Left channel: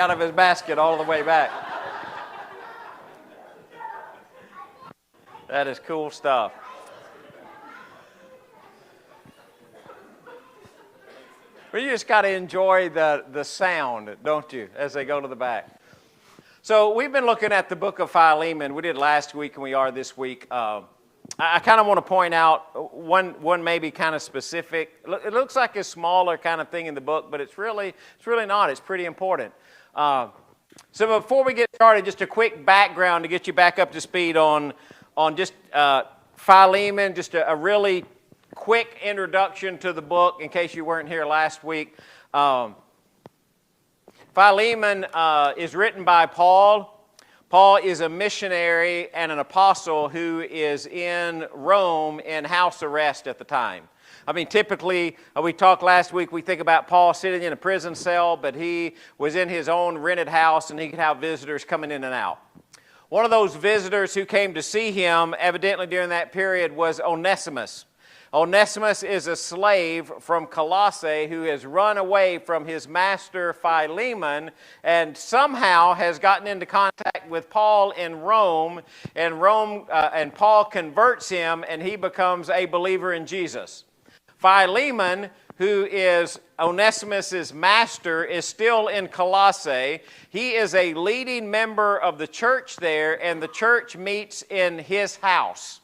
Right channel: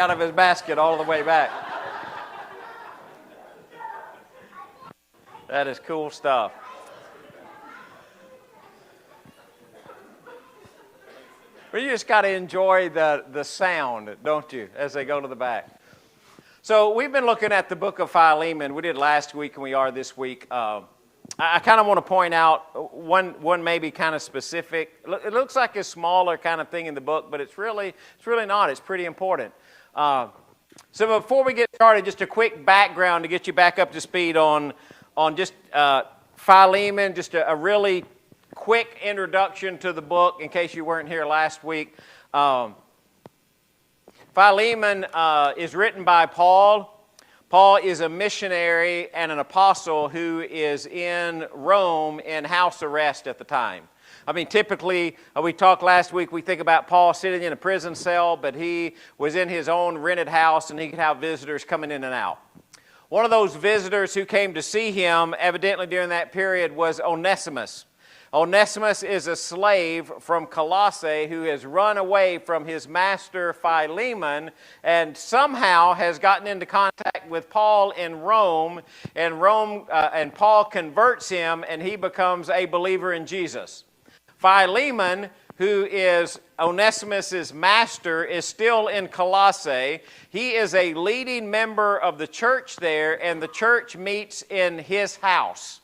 out of his basket all the way back. That is cool stuff. But you just got to enjoy the sound, don't you, as they go to the back. So we've been looking at the book of Philemon. We did last week and we are this week. I kind of want to point out one maybe kind of specific. It looks like a smaller kind of thing in the book, but it's really not. It's pretty important. So before we get started, just a quick background to get you back up to speed on just Philemon, just a really quick introduction to the book in case you weren't here last week. Philemon is written by Paul. Paul is a missionary and an apostle who is in Rome in house arrest at the time. I mean, typically, we talked last week, we think about Paul sitting in a prison cell, but he was in his own rented house and he could have visitors coming in and out. One of those visitors who came to see him, evidently during that period, was Onesimus. Onesimus is a slave from Colossae who has run away from his master Philemon and somehow has gotten into contact with Paul in Rome, and Paul converts him and he becomes a believer in Jesus. Philemon, who is Onesimus' master, is still in Colossae. He is a leading member of the church there, and the church meets in his house.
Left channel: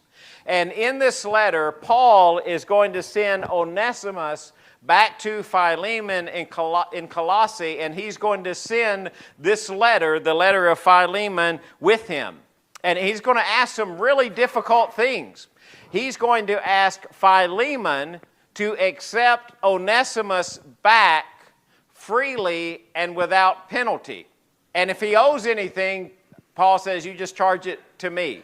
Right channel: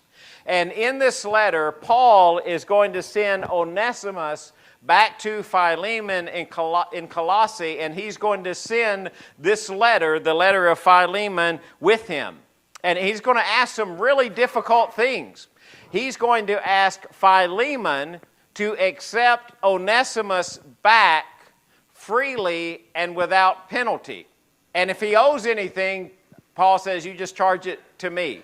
And in this letter, Paul is going to send Onesimus back to Philemon in Colossae, and he's going to send this letter, the letter of Philemon, with him. And he's going to ask some really difficult things. He's going to ask Philemon to accept Onesimus back freely and without penalty. And if he owes anything, Paul says, you just charge it to me.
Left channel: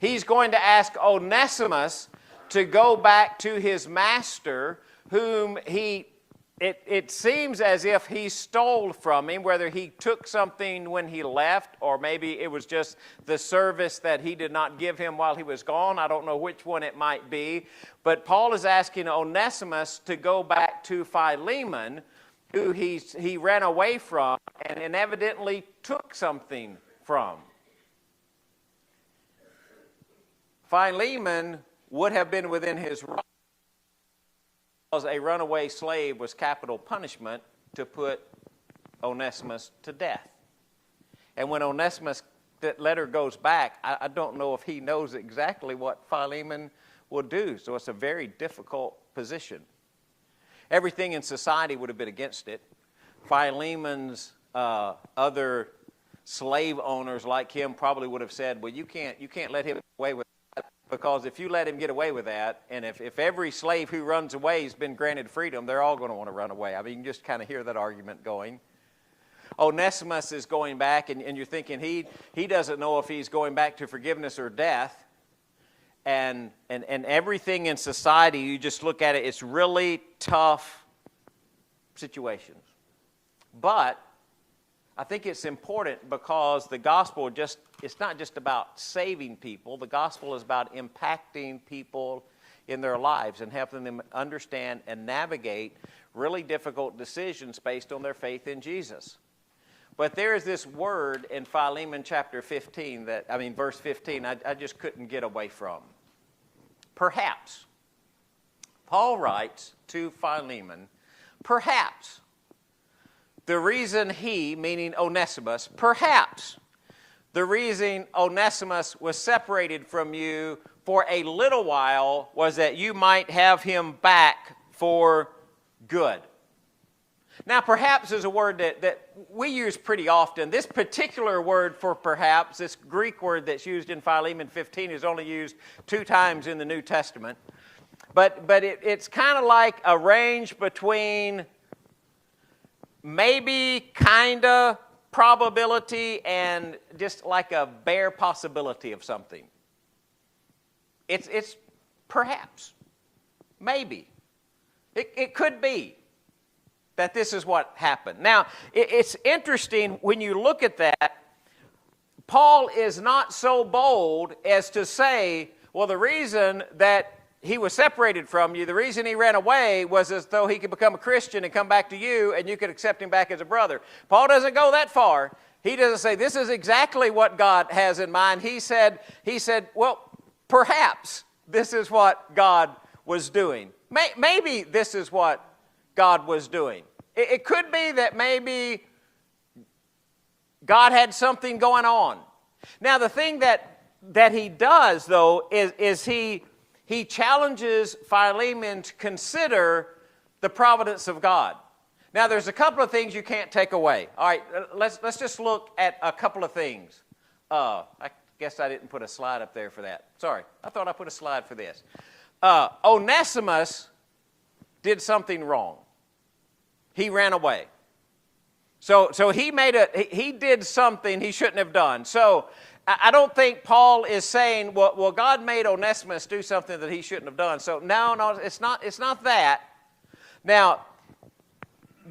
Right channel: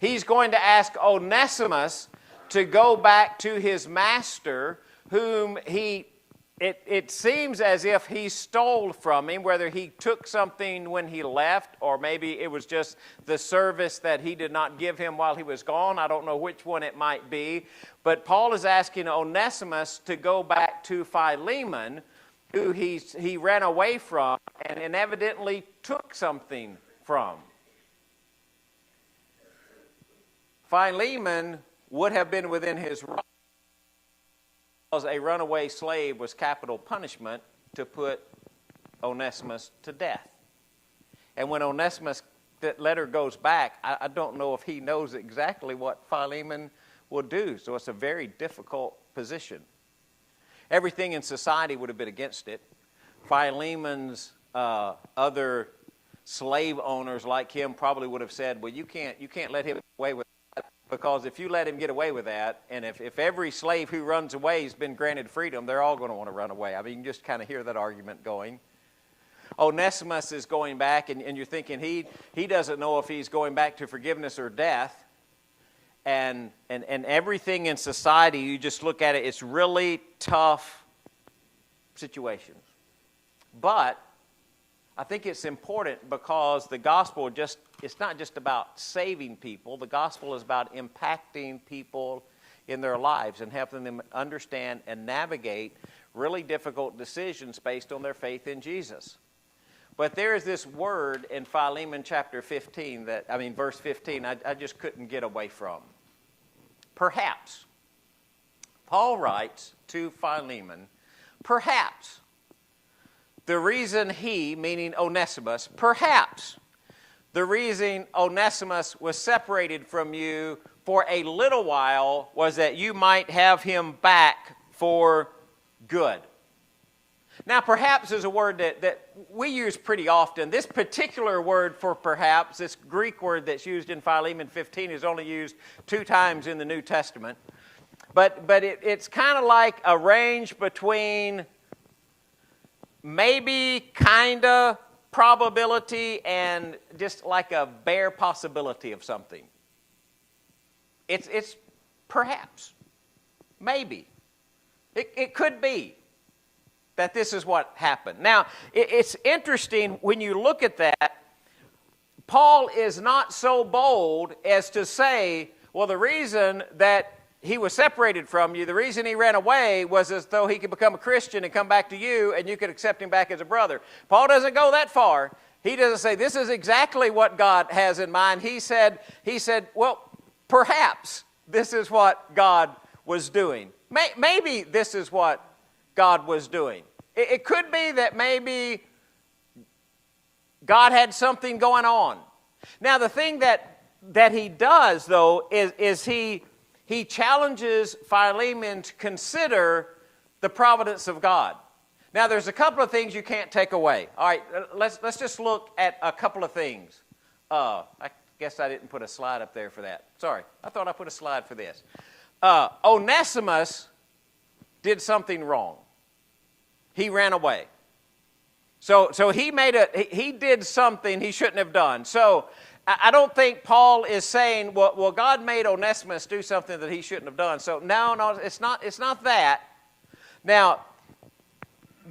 He's going to ask Onesimus to go back to his master, whom it seems as if he stole from him, whether he took something when he left, or maybe it was just the service that he did not give him while he was gone. I don't know which one it might be. But Paul is asking Onesimus to go back to Philemon, who he ran away from and evidently took something from. Philemon would have been within his rights because a runaway slave was capital punishment to put Onesimus to death. And when Onesimus, that letter goes back, I don't know if he knows exactly what Philemon will do. So it's a very difficult position. Everything in society would have been against it. Philemon's other slave owners like him probably would have said, well, you can't let him get away with that, because if you let him get away with that, and if every slave who runs away has been granted freedom, they're all going to want to run away. I mean, you just kind of hear that argument going. Onesimus is going back, and you're thinking he doesn't know if he's going back to forgiveness or death. And everything in society, you just look at it, it's really tough situations. But I think it's important because the gospel it's not just about saving people. The gospel is about impacting people in their lives and helping them understand and navigate really difficult decisions based on their faith in Jesus. But there is this word in Philemon chapter 15 verse 15, I just couldn't get away from. Perhaps. Paul writes to Philemon, perhaps the reason he, meaning Onesimus, perhaps the reason Onesimus was separated from you for a little while was that you might have him back for good. Now, perhaps is a word that we use pretty often. This particular word for perhaps, this Greek word that's used in Philemon 15 is only used 2 times in the New Testament. But it's kind of like a range between maybe, kind of, probability, and just like a bare possibility of something. It's perhaps, maybe. It could be that this is what happened. Now, it's interesting when you look at that, Paul is not so bold as to say, well, the reason that he was separated from you. The reason he ran away was as though he could become a Christian and come back to you, and you could accept him back as a brother. Paul doesn't go that far. He doesn't say, this is exactly what God has in mind. He said, well, perhaps this is what God was doing. Maybe this is what God was doing. It could be that maybe God had something going on. Now, the thing that he does, though, is he challenges Philemon to consider the providence of God. Now, there's a couple of things you can't take away. All right, let's just look at a couple of things. I guess I didn't put a slide up there for that. Sorry, I thought I put a slide for this. Onesimus did something wrong. He ran away. So he did something he shouldn't have done. So I don't think Paul is saying, well, God made Onesimus do something that he shouldn't have done. So no, it's not that. Now,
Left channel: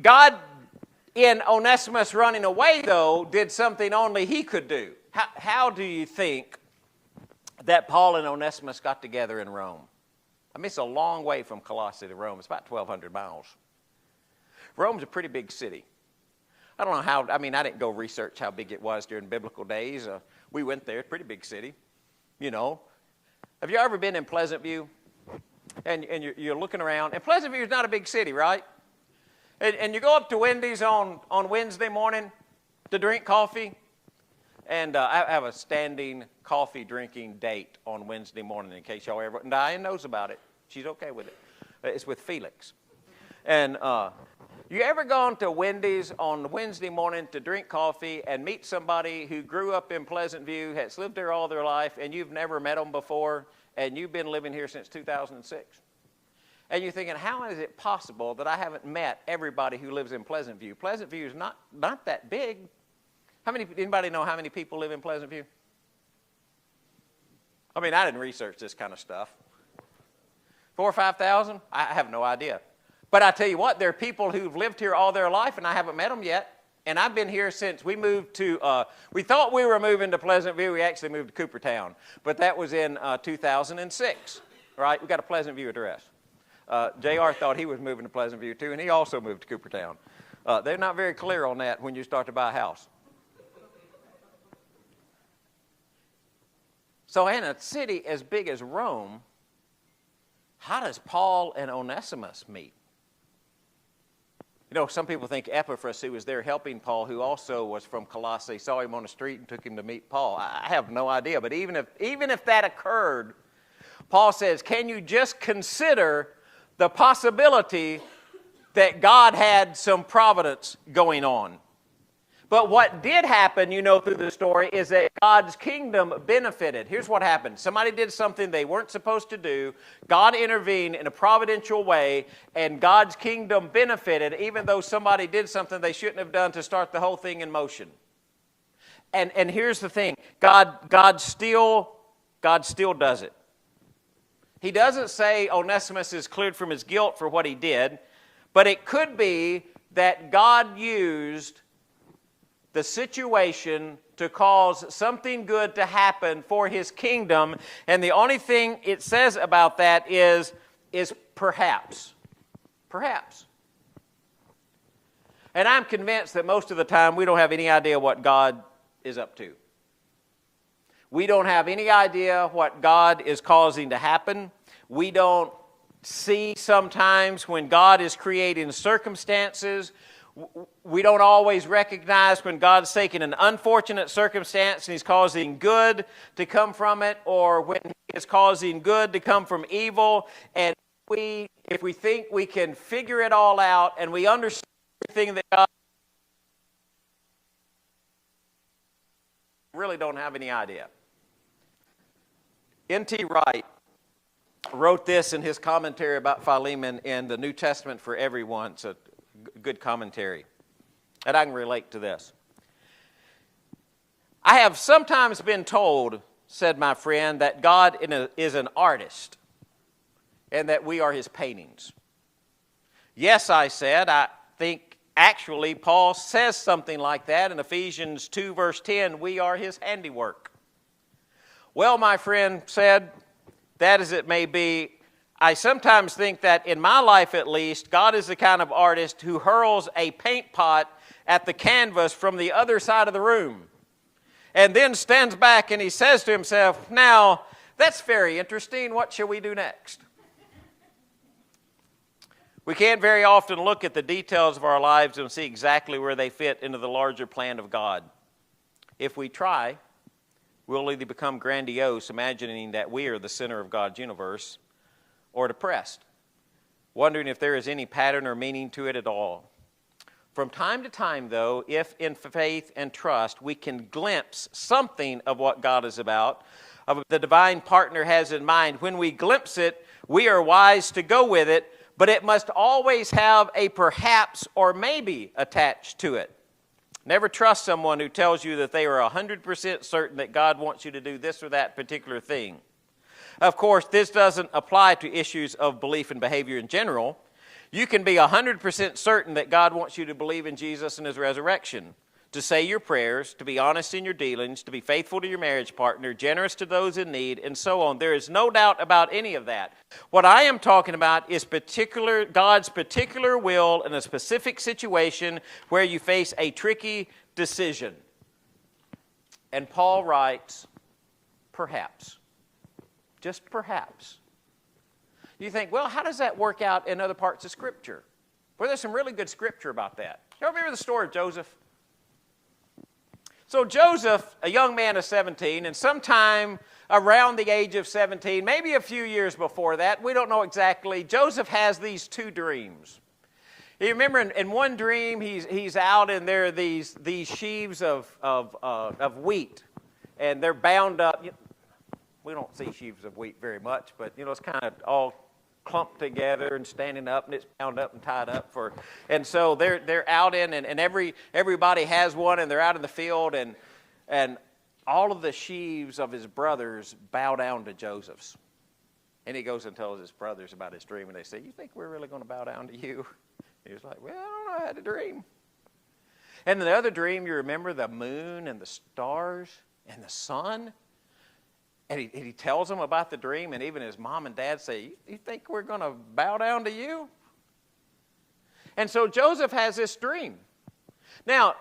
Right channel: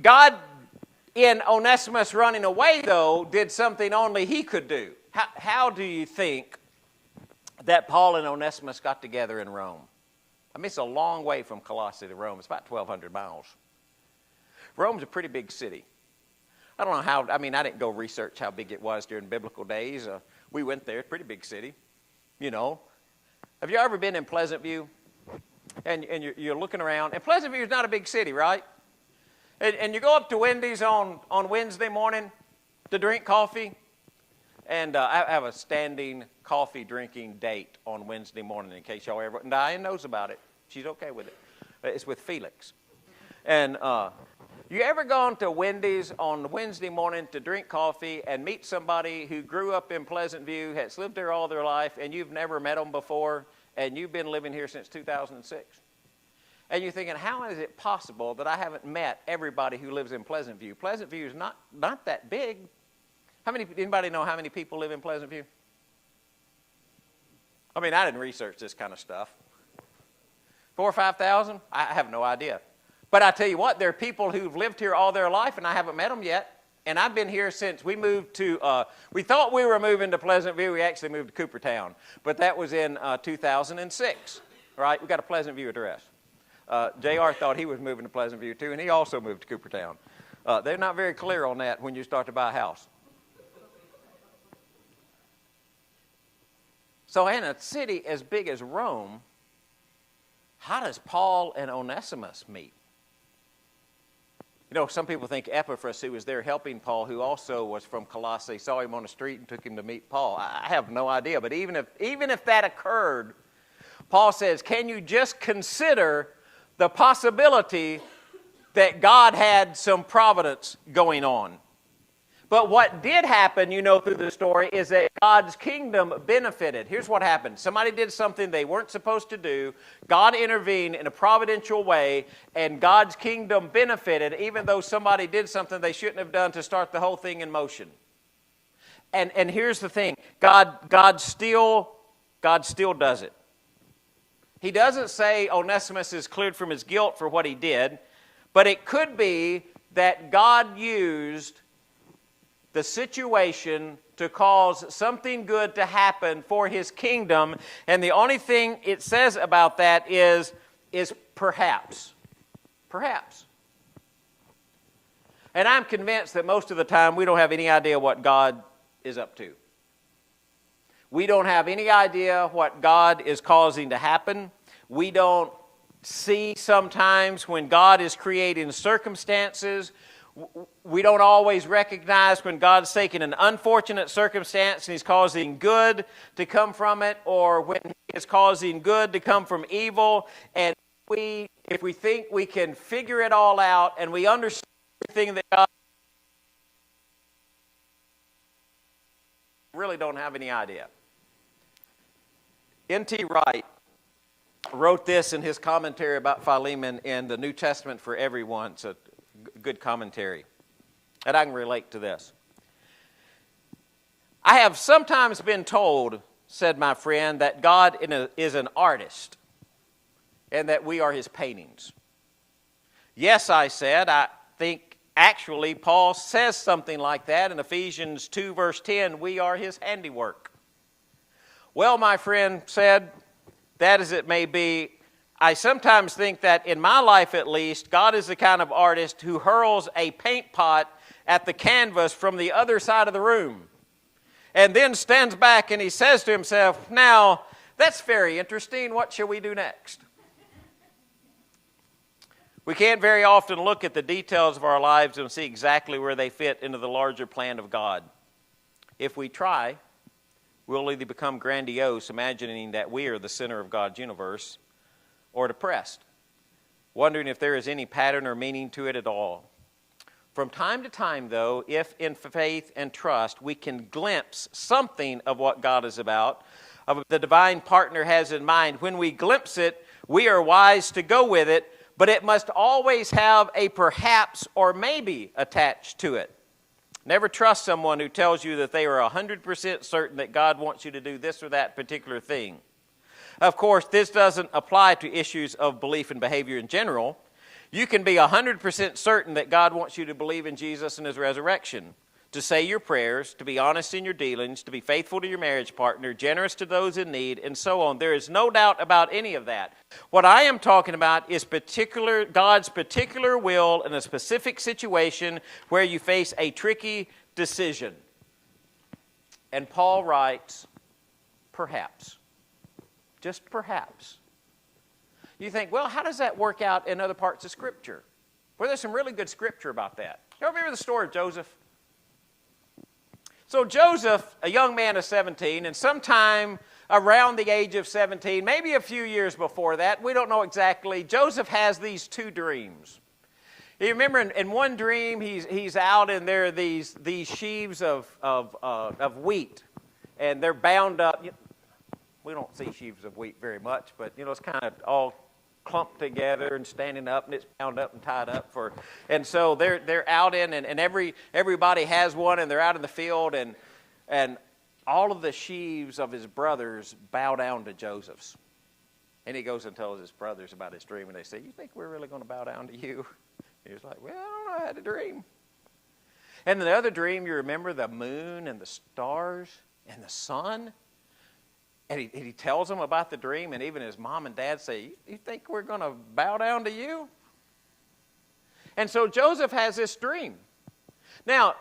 God, in Onesimus running away, though, did something only he could do. How do you think that Paul and Onesimus got together in Rome? I mean, it's a long way from Colossae to Rome. It's about 1,200 miles. Rome's a pretty big city. I don't know how, I didn't go research how big it was during biblical days. We went there, pretty big city, you know. Have you ever been in Pleasant View? And you're looking around. And Pleasant View is not a big city, right? And you go up to Wendy's on Wednesday morning to drink coffee. And I have a standing coffee drinking date on Wednesday morning, in case y'all ever, and Diane knows about it. She's okay with it. It's with Felix. And you ever gone to Wendy's on Wednesday morning to drink coffee and meet somebody who grew up in Pleasant View, has lived there all their life, and you've never met them before, and you've been living here since 2006? And you're thinking, how is it possible that I haven't met everybody who lives in Pleasant View? Pleasant View is not that big. Anybody know how many people live in Pleasant View? I didn't research this kind of stuff. 4,000 or 5,000? I have no idea. But I tell you what, there are people who've lived here all their life, and I haven't met them yet. And I've been here since we moved to, we thought we were moving to Pleasant View. We actually moved to Coopertown. But that was in 2006, right? We got a Pleasant View address. JR thought he was moving to Pleasant View, too, and he also moved to Coopertown. They're not very clear on that when you start to buy a house. So in a city as big as Rome, how does Paul and Onesimus meet? You know, some people think Epaphras, who was there helping Paul, who also was from Colossae, saw him on the street and took him to meet Paul. I have no idea. But even if that occurred, Paul says, can you just consider the possibility that God had some providence going on? But what did happen, you know, through the story, is that God's kingdom benefited. Here's what happened. Somebody did something they weren't supposed to do. God intervened in a providential way, and God's kingdom benefited, even though somebody did something they shouldn't have done to start the whole thing in motion. And here's the thing. God still does it. He doesn't say Onesimus is cleared from his guilt for what he did, but it could be that God used the situation to cause something good to happen for his kingdom, and the only thing it says about that is perhaps. Perhaps. And I'm convinced that most of the time we don't have any idea what God is up to. We don't have any idea what God is causing to happen. We don't see sometimes when God is creating circumstances. We don't always recognize when God's taking an unfortunate circumstance and he's causing good to come from it, or when he is causing good to come from evil. And if we think we can figure it all out and we understand everything that God really don't have any idea. N.T. Wright wrote this in his commentary about Philemon in the New Testament for Everyone. It's a good commentary, and I can relate to this. I have sometimes been told, said my friend, that God is an artist and that we are his paintings. Yes, I said, I think actually Paul says something like that in Ephesians 2 verse 10, we are his handiwork. Well, my friend said, that as it may be, I sometimes think that in my life at least, God is the kind of artist who hurls a paint pot at the canvas from the other side of the room and then stands back and he says to himself, now, that's very interesting. What shall we do next? We can't very often look at the details of our lives and see exactly where they fit into the larger plan of God. If we try, we'll either become grandiose, imagining that we are the center of God's universe, or depressed, wondering if there is any pattern or meaning to it at all. From time to time, though, if in faith and trust we can glimpse something of what God is about, of what the divine partner has in mind, when we glimpse it, we are wise to go with it, but it must always have a perhaps or maybe attached to it. Never trust someone who tells you that they are 100% certain that God wants you to do this or that particular thing. Of course, this doesn't apply to issues of belief and behavior in general. You can be 100% certain that God wants you to believe in Jesus and his resurrection, to say your prayers, to be honest in your dealings, to be faithful to your marriage partner, generous to those in need, and so on. There is no doubt about any of that. What I am talking about is God's particular will in a specific situation where you face a tricky decision. And Paul writes, perhaps. Just perhaps. You think, well, how does that work out in other parts of Scripture? Well, there's some really good Scripture about that. You remember the story of Joseph? So Joseph, a young man of 17, and sometime around the age of 17, maybe a few years before that, we don't know exactly, Joseph has these two dreams. You remember in one dream, he's out and there are these sheaves of wheat, and they're bound up. We don't see sheaves of wheat very much, but, it's kind of all clumped together and standing up, and it's bound up and tied up for. And so they're out in, and everybody has one, and they're out in the field, and all of the sheaves of his brothers bow down to Joseph's. And he goes and tells his brothers about his dream, and they say, "You think we're really going to bow down to you?" He's like, "Well, I don't know, I had a dream." And in the other dream, you remember the moon and the stars and the sun. And he tells them about the dream, and even his mom and dad say, "You think we're going to bow down to you?" And so Joseph has this dream. Now,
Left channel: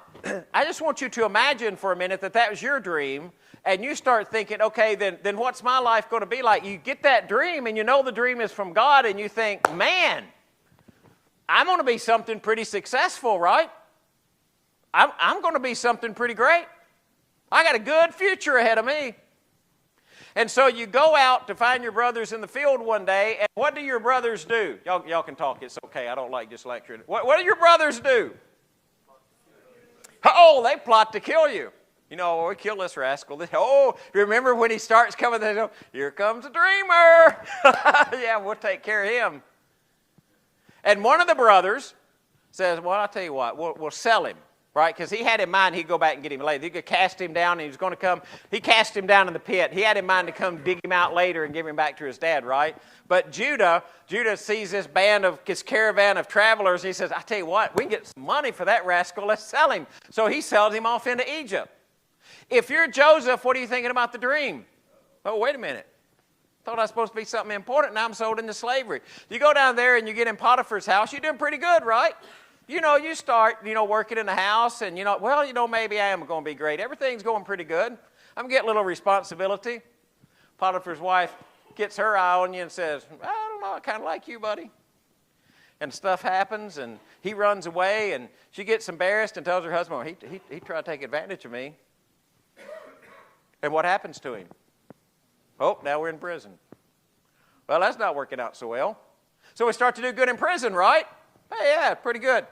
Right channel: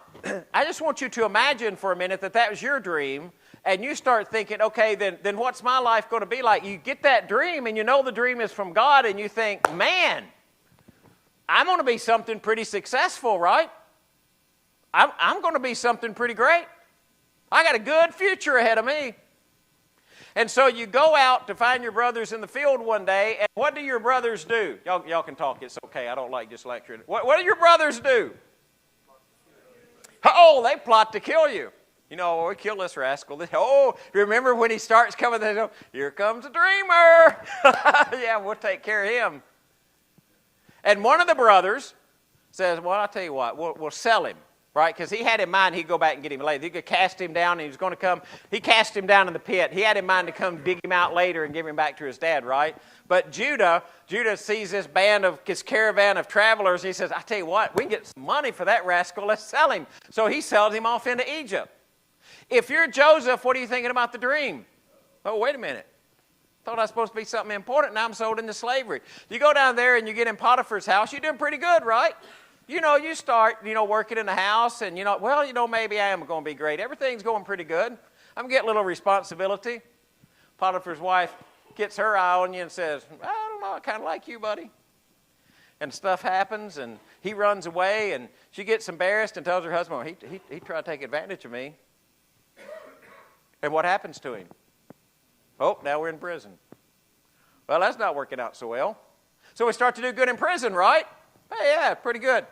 I just want you to imagine for a minute that was your dream, and you start thinking, okay, then what's my life going to be like? You get that dream, and you know the dream is from God, and you think, man, I'm going to be something pretty successful, right? I'm going to be something pretty great. I got a good future ahead of me. And so you go out to find your brothers in the field one day, and what do your brothers do? Y'all can talk. It's okay. I don't like just lecturing. What do your brothers do? Oh, they plot to kill you. We kill this rascal. Remember when he starts coming, they go, "Here comes a dreamer." Yeah, we'll take care of him. And one of the brothers says, "Well, I'll tell you what, we'll sell him." Right? Because he had in mind he'd go back and get him later. He could cast him down and he was going to come. He cast him down in the pit. He had in mind to come dig him out later and give him back to his dad, right? But Judah sees this caravan of travelers. He says, "I tell you what, we can get some money for that rascal. Let's sell him." So he sells him off into Egypt. If you're Joseph, what are you thinking about the dream? Oh, wait a minute. Thought I was supposed to be something important. Now I'm sold into slavery. You go down there and you get in Potiphar's house. You're doing pretty good, right? You start, working in the house and, maybe I am going to be great. Everything's going pretty good. I'm getting a little responsibility. Potiphar's wife gets her eye on you and says, "I don't know, I kind of like you, buddy." And stuff happens and he runs away and she gets embarrassed and tells her husband, "Well, he tried to take advantage of me." And what happens to him? Oh, now we're in prison. Well, that's not working out so well. So we start to do good in prison, right? Hey, yeah, pretty good.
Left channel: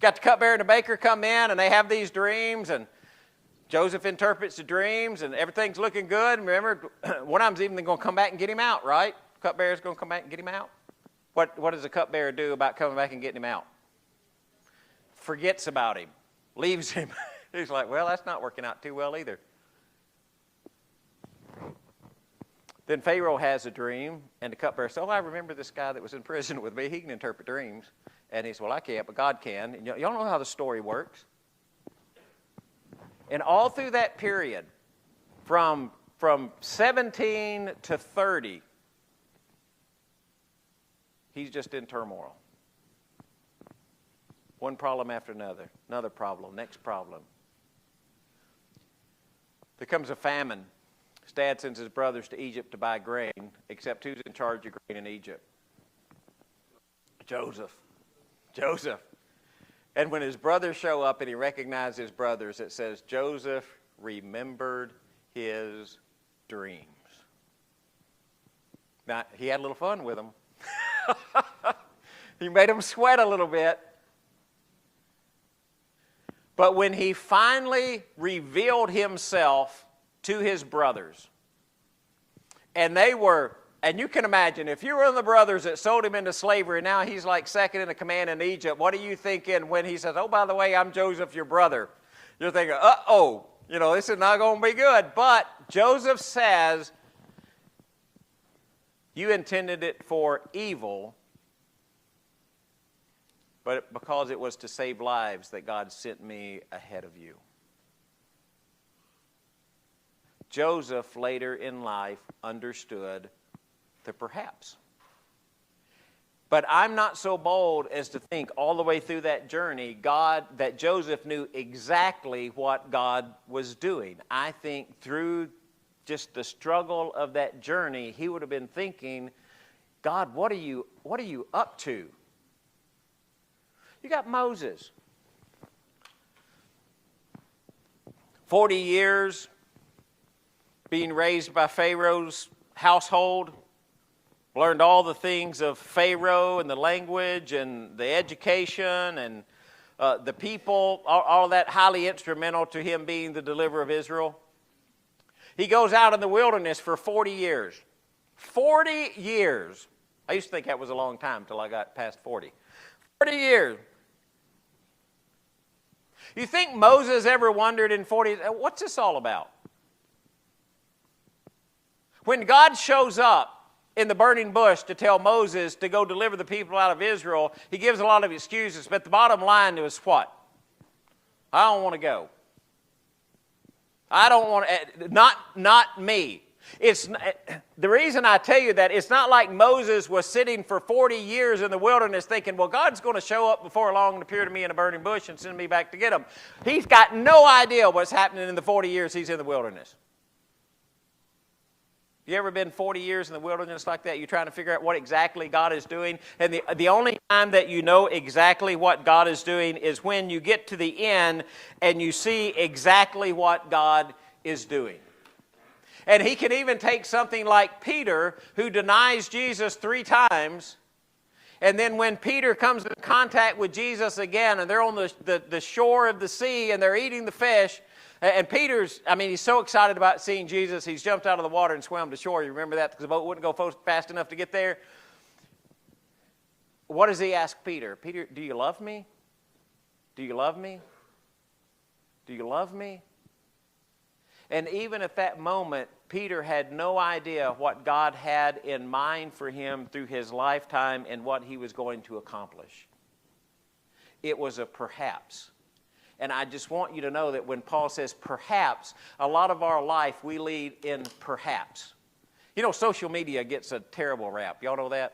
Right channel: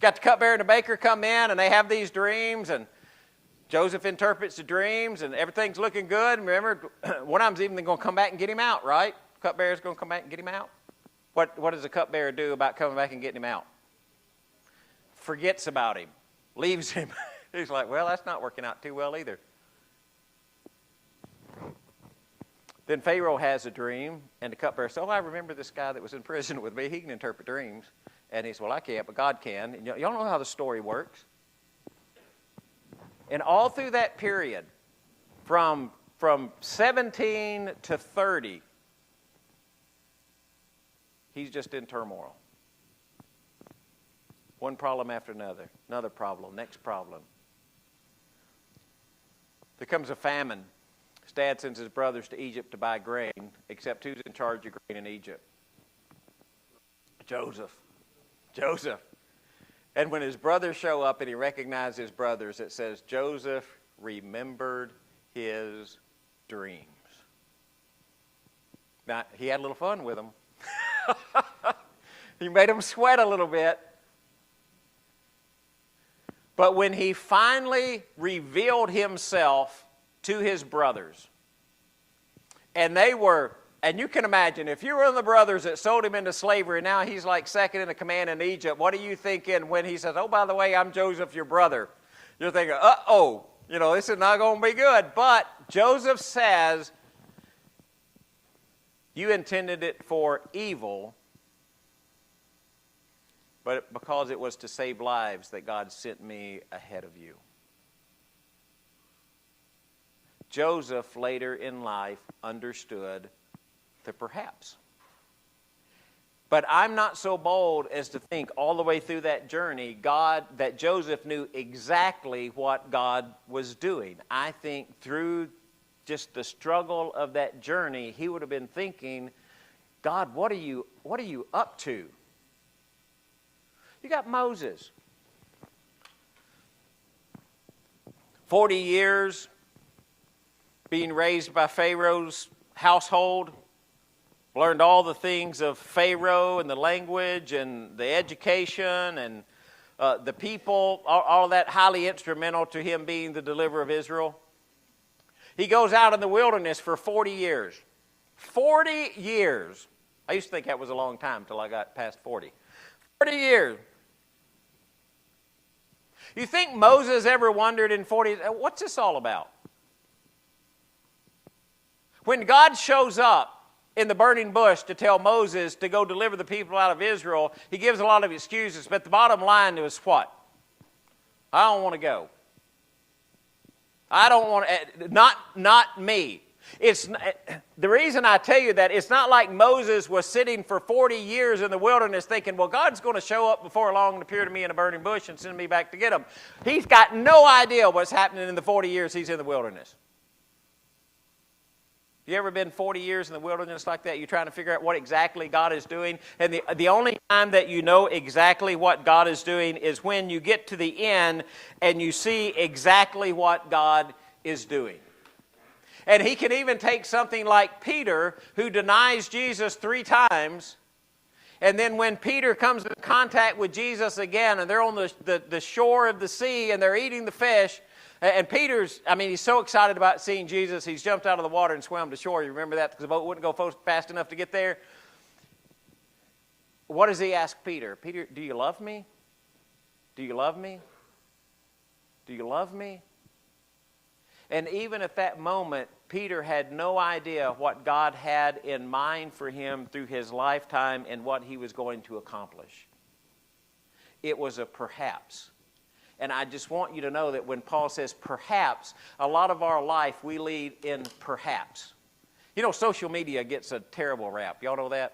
Got the cupbearer and the baker come in, and they have these dreams, and Joseph interprets the dreams, and everything's looking good. And remember, one of them's even going to come back and get him out, right? Cupbearer's going to come back and get him out. What does the cupbearer do about coming back and getting him out? Forgets about him. Leaves him. He's like, well, that's not working out too well either. Then Pharaoh has a dream, and the cupbearer says, "Oh, I remember this guy that was in prison with me. He can interpret dreams." And he says, "Well, I can't, but God can." And y'all know how the story works. And all through that period, from 17 to 30, He's just in turmoil. One problem after another. Another problem. Next problem. There comes a famine. His dad sends his brothers to Egypt to buy grain, except who's in charge of grain in Egypt? Joseph. And when his brothers show up and he recognizes his brothers, it says Joseph remembered his dreams. Now, he had a little fun with them. He made them sweat a little bit. But when he finally revealed himself to his brothers, and they were, and you can imagine, if you were one of the brothers that sold him into slavery, now he's like second in the command in Egypt, what are you thinking when he says, oh, by the way, I'm Joseph, your brother? You're thinking, uh-oh, this is not going to be good. But Joseph says, you intended it for evil, but because it was to save lives that God sent me ahead of you. Joseph later in life understood the perhaps. But I'm not so bold as to think all the way through that journey, that Joseph knew exactly what God was doing. I think through just the struggle of that journey, he would have been thinking, God, what are you up to? You got Moses. 40 years being raised by Pharaoh's household. Learned all the things of Pharaoh and the language and the education and the people. All that highly instrumental to him being the deliverer of Israel. He goes out in the wilderness for 40 years. 40 years. I used to think that was a long time until I got past 40. 40 years. You think Moses ever wondered in 40, what's this all about? When God shows up in the burning bush to tell Moses to go deliver the people out of Israel, he gives a lot of excuses, but the bottom line was what? I don't want to go. I don't want to, not me. It's the reason I tell you that, it's not like Moses was sitting for 40 years in the wilderness thinking, well, God's going to show up before long and appear to me in a burning bush and send me back to get him. He's got no idea what's happening in the 40 years he's in the wilderness. You ever been 40 years in the wilderness like that? You're trying to figure out what exactly God is doing. And the only time that you know exactly what God is doing is when you get to the end and you see exactly what God is doing. And he can even take something like Peter, who denies Jesus 3 times. And then when Peter comes in contact with Jesus again, and they're on the shore of the sea and they're eating the fish, and Peter's, he's so excited about seeing Jesus, he's jumped out of the water and swam to shore. You remember that? Because the boat wouldn't go fast enough to get there. What does he ask Peter? Peter, do you love me? Do you love me? Do you love me? And even at that moment, Peter had no idea what God had in mind for him through his lifetime and what he was going to accomplish. It was a perhaps. And I just want you to know that when Paul says perhaps, a lot of our life we lead in perhaps. Social media gets a terrible rap. Y'all know that?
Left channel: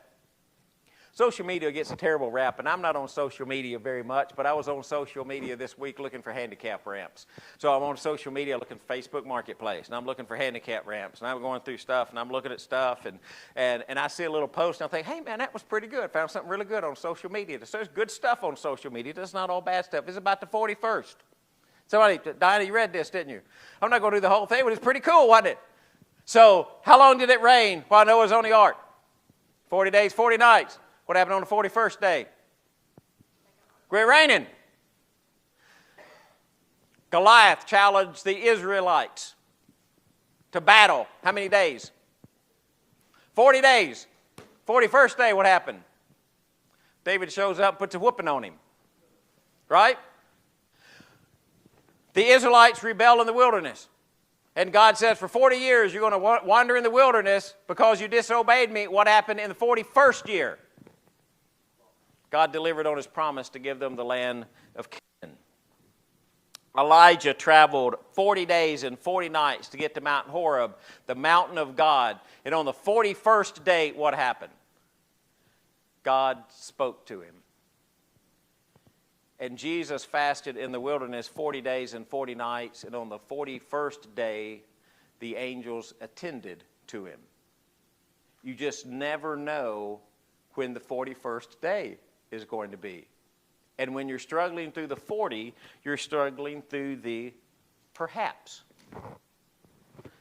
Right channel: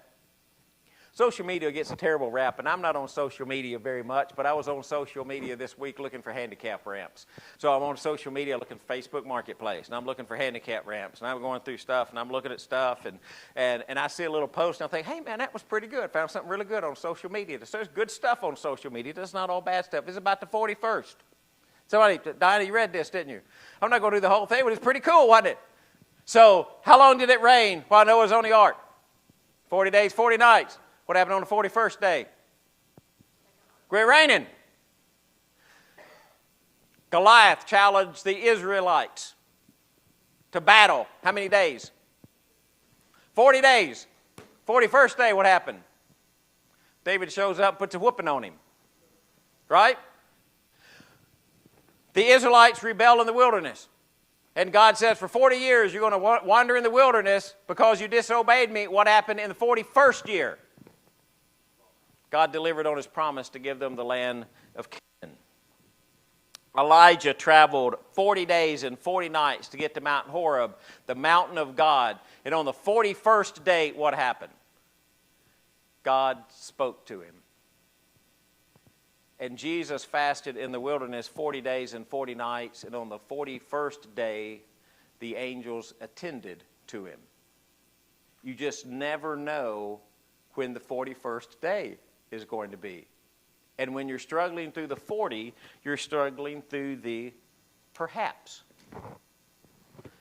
Social media gets a terrible rap, and I'm not on social media very much, but I was on social media this week looking for handicap ramps. So I'm on social media looking for Facebook Marketplace, and I'm looking for handicap ramps, and I'm going through stuff, and I'm looking at stuff, and I see a little post, and I think, hey, man, that was pretty good. Found something really good on social media. There's good stuff on social media. That's not all bad stuff. It's about the 41st. Somebody, Diana, you read this, didn't you? I'm not going to do the whole thing, but it's pretty cool, wasn't it? So how long did it rain while Noah was on the ark? 40 days, 40 nights. What happened on the 41st day? Quit raining. Goliath challenged the Israelites to battle. How many days? 40 days. 41st day, what happened? David shows up, puts a whooping on him. Right? The Israelites rebel in the wilderness. And God says, for 40 years you're going to wander in the wilderness because you disobeyed me. What happened in the 41st year? God delivered on his promise to give them the land of Canaan. Elijah traveled 40 days and 40 nights to get to Mount Horeb, the mountain of God. And on the 41st day, what happened? God spoke to him. And Jesus fasted in the wilderness 40 days and 40 nights, and on the 41st day, the angels attended to him. You just never know when the 41st day is going to be. And when you're struggling through the 40, you're struggling through the perhaps. And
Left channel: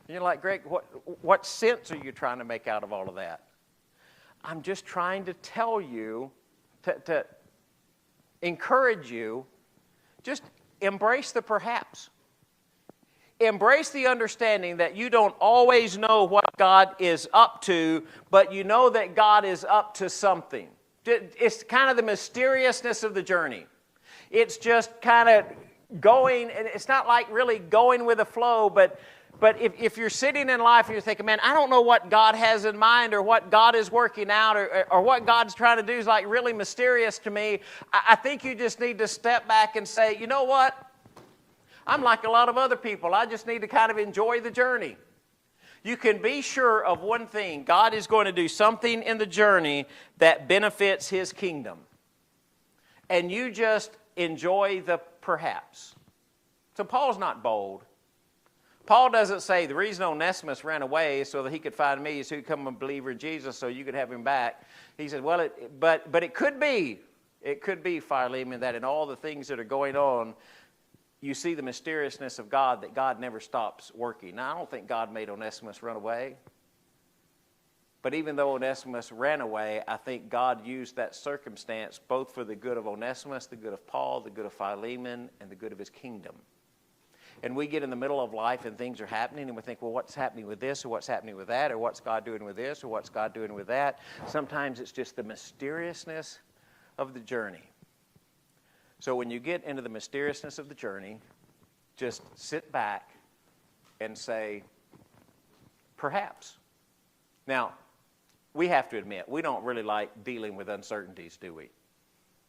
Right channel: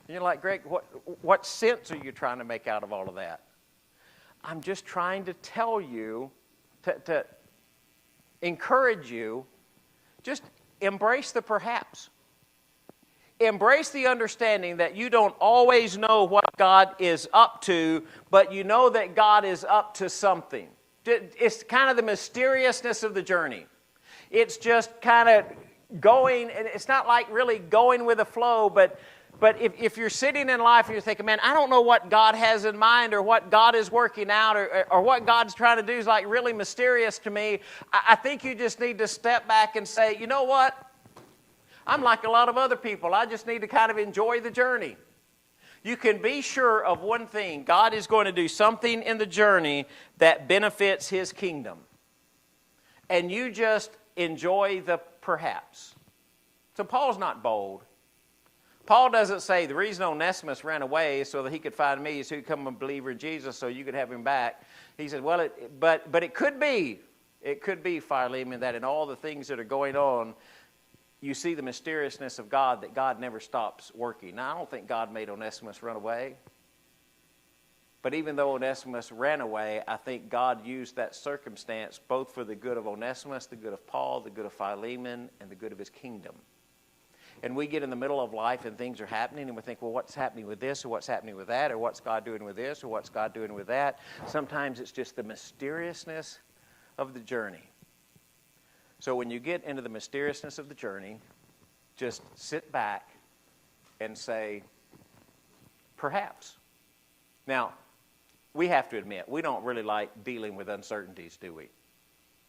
you're like, Greg, what sense are you trying to make out of all of that? I'm just trying to tell you, to encourage you, just embrace the perhaps. Embrace the understanding that you don't always know what God is up to, but you know that God is up to something. It's kind of the mysteriousness of the journey. It's just kind of going, and it's not like really going with the flow, but if you're sitting in life and you're thinking, man, I don't know what God has in mind or what God is working out or what God's trying to do is like really mysterious to me, I think you just need to step back and say, you know what? I'm like a lot of other people. I just need to kind of enjoy the journey. You can be sure of one thing. God is going to do something in the journey that benefits his kingdom. And you just enjoy the perhaps. So Paul's not bold. Paul doesn't say the reason Onesimus ran away is so that he could find me, so he could become a believer in Jesus so you could have him back. He said, well, but it could be, Philemon, that in all the things that are going on, you see the mysteriousness of God, that God never stops working. Now, I don't think God made Onesimus run away. But even though Onesimus ran away, I think God used that circumstance both for the good of Onesimus, the good of Paul, the good of Philemon, and the good of his kingdom. And we get in the middle of life and things are happening and we think, well, what's happening with this or what's happening with that or what's God doing with this or what's God doing with that? Sometimes it's just the mysteriousness of the journey. So when you get into the mysteriousness of the journey, just sit back and say, perhaps. Now, we have to admit, we don't really like dealing with uncertainties, do we?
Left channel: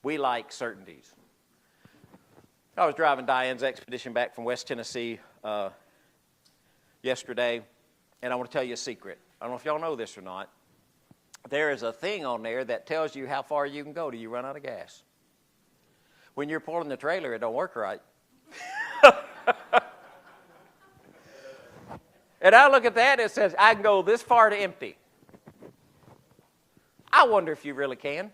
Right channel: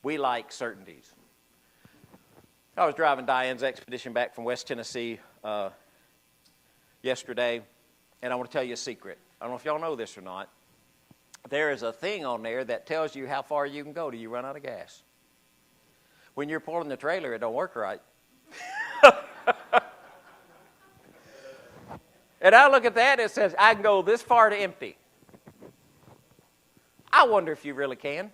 We like certainties. I was driving Diane's expedition back from West Tennessee yesterday, and I want to tell you a secret. I don't know if y'all know this or not. There is a thing on there that tells you how far you can go till you run out of gas. When you're pulling the trailer, it don't work right. And I look at that, it says, I can go this far to empty. I wonder if you really can.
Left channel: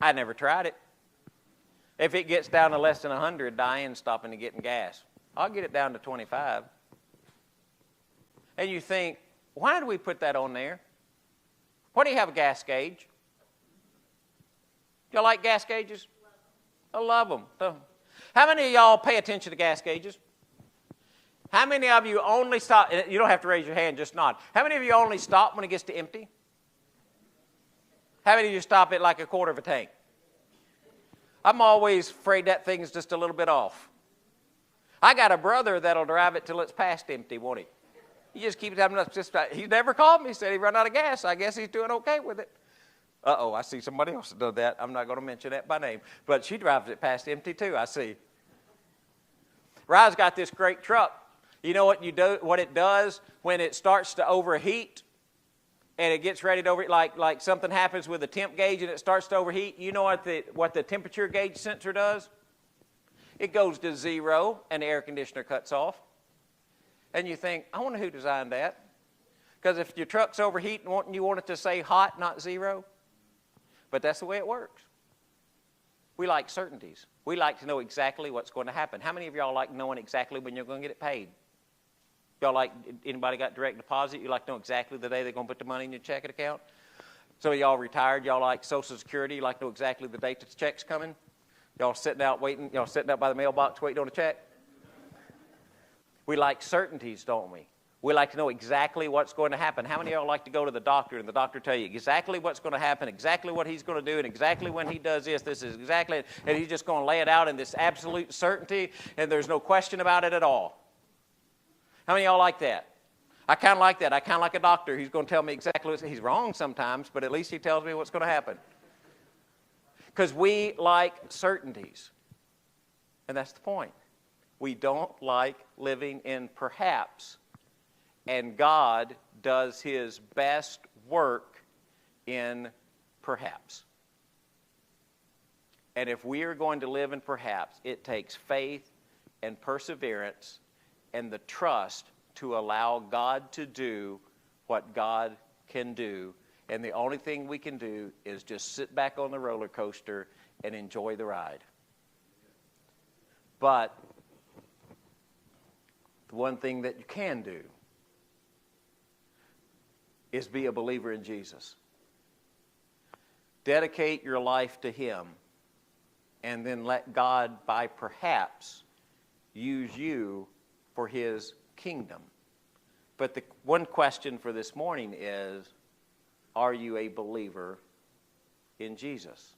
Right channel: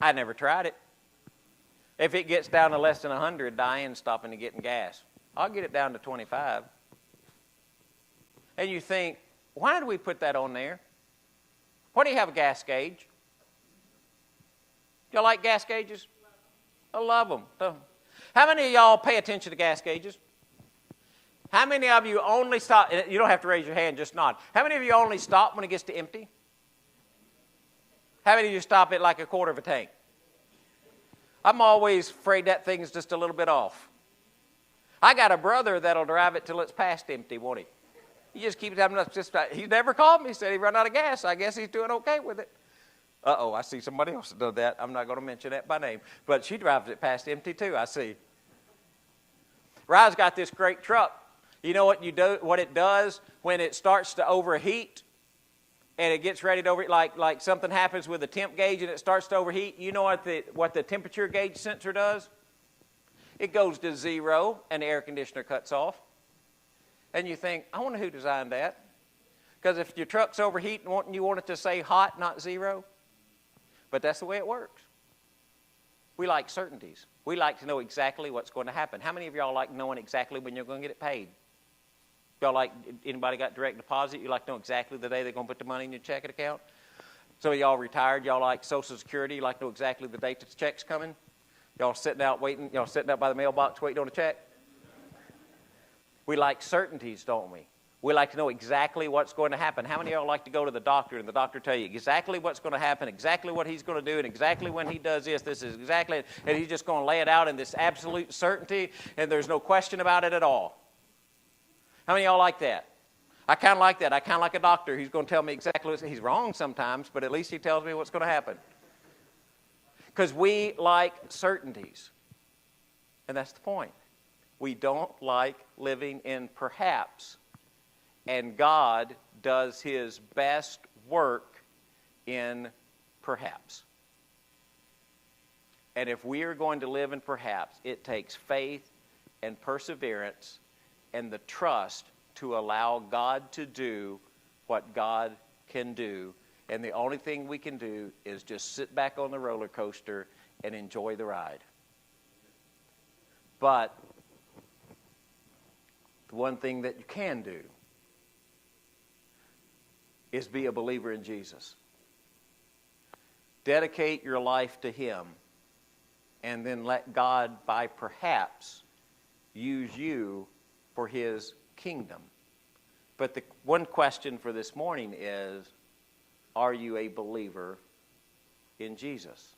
I never tried it. If it gets down to less than 100, Diane's stopping to get in gas. I'll get it down to 25. And you think, why do we put that on there? Why do you have a gas gauge? Y'all like gas gauges? I love them. How many of y'all pay attention to gas gauges? How many of you only stop? You don't have to raise your hand, just nod. How many of you only stop when it gets to empty? How many of you stop at like a quarter of a tank? I'm always afraid that thing's just a little bit off. I got a brother that'll drive it till it's past empty, won't he? He just keeps having us. He's never called me. He said he run out of gas. I guess he's doing okay with it. Uh-oh, I see somebody else that does that. I'm not going to mention that by name. But she drives it past empty too, I see. Rye's got this great truck. You know what it does when it starts to overheat and it gets ready to overheat, like something happens with the temp gauge and it starts to overheat. You know what the temperature gauge sensor does? It goes to 0 and the air conditioner cuts off. And you think, I wonder who designed that. Because if your truck's overheating, you want it to say hot, not 0. But that's the way it works. We like certainties. We like to know exactly what's going to happen. How many of y'all like knowing exactly when you're going to get it paid? Y'all like, anybody got direct deposit? You like to know exactly the day they're going to put the money in your checking account? Some of y'all retired. Y'all like Social Security. You like to know exactly the date that the check's coming? Y'all sitting out waiting. Y'all sitting out by the mailbox waiting on a check? We like certainties, don't we? We like to know exactly what's going to happen. How many of y'all like to go to the doctor and the doctor tell you exactly what's going to happen, exactly what he's going to do, and exactly when he does this is exactly, and he's just going to lay it out in this absolute certainty, and there's no question about it at all? How many of y'all like that? I kind of like that. I kind of like a doctor who's going to tell me exactly he's wrong sometimes, but at least he tells me what's going to happen. Because we like certainties. And that's the point. We don't like living in perhaps. And God does his best work in perhaps. And if we are going to live in perhaps, it takes faith and perseverance and the trust to allow God to do what God can do. And the only thing we can do is just sit back on the roller coaster and enjoy the ride. But the one thing that you can do is be a believer in Jesus. Dedicate your life to Him, and then let God, by perhaps, use you for His kingdom. But the one question for this morning is, are you a believer in Jesus?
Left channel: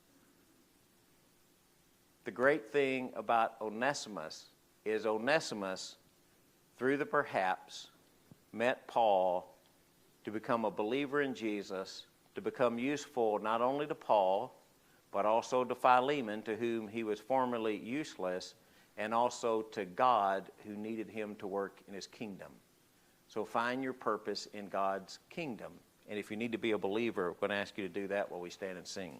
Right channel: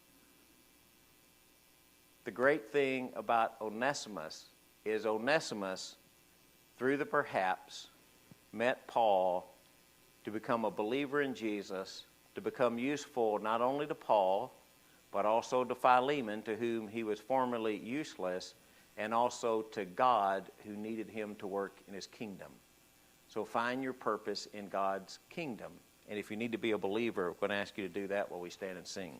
The great thing about Onesimus is Onesimus, through the perhaps, met Paul to become a believer in Jesus, to become useful not only to Paul, but also to Philemon, to whom he was formerly useless, and also to God, who needed him to work in His kingdom. So find your purpose in God's kingdom. And if you need to be a believer, we're going to ask you to do that while we stand and sing.